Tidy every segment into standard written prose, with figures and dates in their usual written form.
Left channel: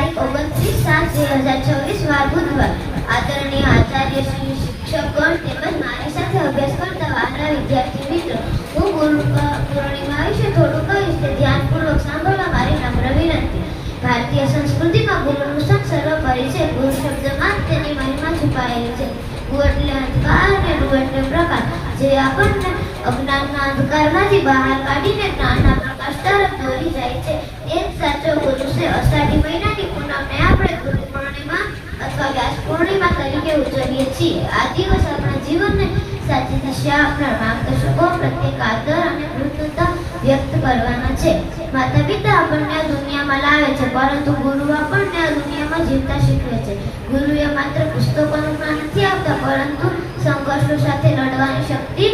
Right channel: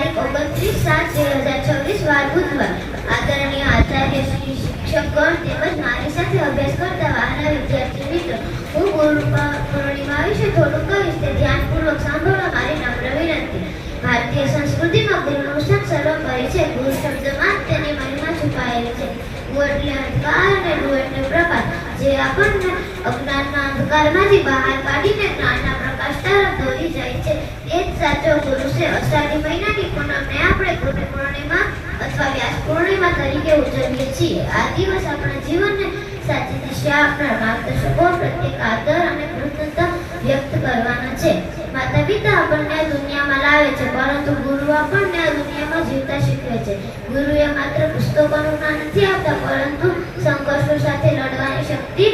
તારીખ 29/7/2026 વાર બુધવાર. આદરણીય આચાર્ય શ્રી, શિક્ષકગણ તેમજ મારી સાથે અભ્યાસ કરતા વહાલા વિદ્યાર્થી મિત્રો, હું ગુરુ પૂર્ણિમા વિશે થોડું કહીશ તે ધ્યાનપૂર્વક સાંભળવા મારી નમ્ર વિનંતી. ભારતીય સંસ્કૃતિમાં ગુરુનું સ્થાન સર્વોપરી છે. ગુરુ શબ્દમાં જ તેની મહિમા છુપાયેલી છે. ગુરુ એટલે અંધકાર અને ગુરુ એટલે પ્રકાશ, જે આપણને અજ્ઞાનના અંધકારમાંથી બહાર કાઢીને જ્ઞાનના પ્રકાશ તરફ દોરી જાય છે. એ જ સાચો ગુરુ છે. અષાઢી મહિનાની પૂનમને આપણે ગુરુ પૂર્ણિમા અથવા વ્યાસ પૂર્ણિમા તરીકે ઉજવીએ છીએ. આ દિવસ આપણા જીવનને સાચી દિશા આપનાર માર્ગદર્શકો પ્રત્યેક આદર અને કૃતજ્ઞતા વ્યક્ત કરવાના છે. માતા પિતા આપણને આ દુનિયામાં લાવે છે, પરંતુ ગુરુ આપણને આ દુનિયામાં જીવતા શીખવે છે. ગુરુએ માત્ર પુસ્તકોનું જ્ઞાન નથી આપતા, પરંતુ સંઘર્ષો સાથે લડવાની શક્તિ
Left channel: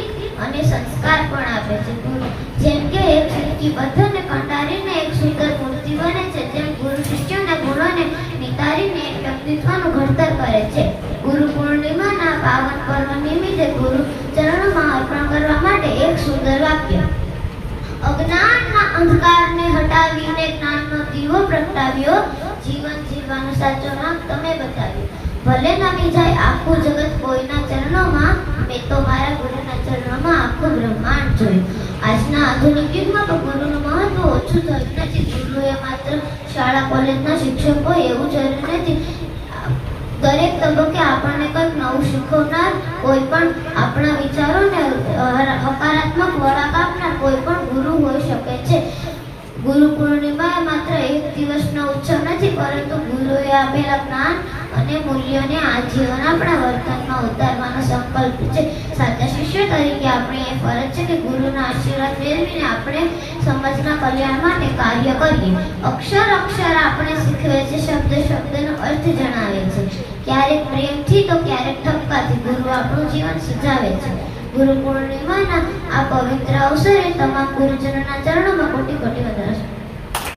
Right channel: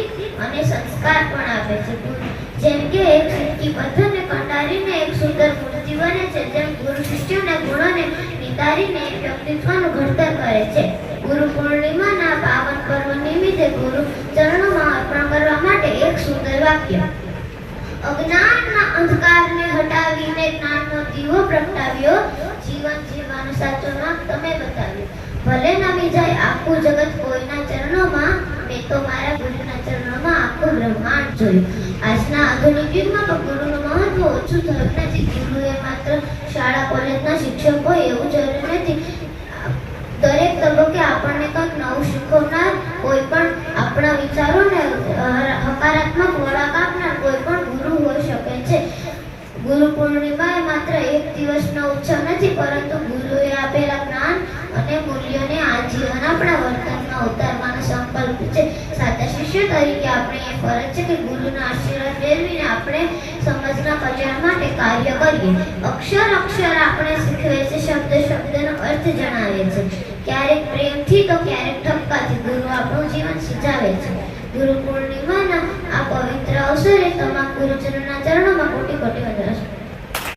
અને સંસ્કાર પણ આપે છે. જેમ કે એક ફીરકી પથ્થરને કંટારીને એક સુંદર મૂર્તિ બને છે, તેમ ગુરુ શિષ્યોના ગુણોને નિતારીને એક વ્યક્તિત્વનું ઘડતર કરે છે. ગુરુ પૂર્ણિમાના પાવન પર્વ નિમિત્તે ગુરુ ચરણોમાં અર્પણ કરવા માટે એક સુંદર વાક્ય: અજ્ઞાનના અંધકારને હટાવીને જ્ઞાનનો દીવો પ્રગટાવ્યો, જીવન જીવવાનો સાચો માર્ગ તમે બતાવ્યો. ભલે નમી જાય આખું જગત કોઈના ચરણોમાં, મેં તો મારા ગુરુના ચરણોમાં આખું બ્રહ્માંડ જોયું. આજના આધુનિક યુગમાં પણ ગુરુનું મહત્વ ઓછું થયું નથી. ગુરુએ માત્ર શાળા કોલેજના શિક્ષકો એવું જરૂરી નથી. દરેક તબક્કે આપણને કંઈક નવું શીખવનાર, કોઈ પણ આપણા વિચારોને હકારાત્મક વળાંક આપનાર કોઈ પણ ગુરુ હોઈ શકે છે. ગુરુ પૂર્ણિમા માત્ર એક દિવસનો ઉત્સવ નથી, પરંતુ ગુરુએ આપેલા જ્ઞાન અને મૂલ્યોને આજીવન આપણા વર્તનમાં ઉતારવાનો સંકલ્પ છે. સાચા શિષ્ય તરીકે આપણે એ ફરજ છે કે ગુરુના આશીર્વાદ મેળવીને આપણે સમાજના કલ્યાણ માટે કાર્ય કરીએ. અક્ષર અક્ષર આપણે શીખવે છે, શબ્દ શબ્દનો અર્થ જણાવે છે. ક્યારેક પ્રેમથી તો ક્યારેક ઠપકાથી ગુરુ આપણું જીવન સુધારે છે. ગુરુ પૂર્ણિમાના આ પવિત્ર અવસરે તમામ ગુરુજનોના ચરણોમાં કોટી કોટી વંદન.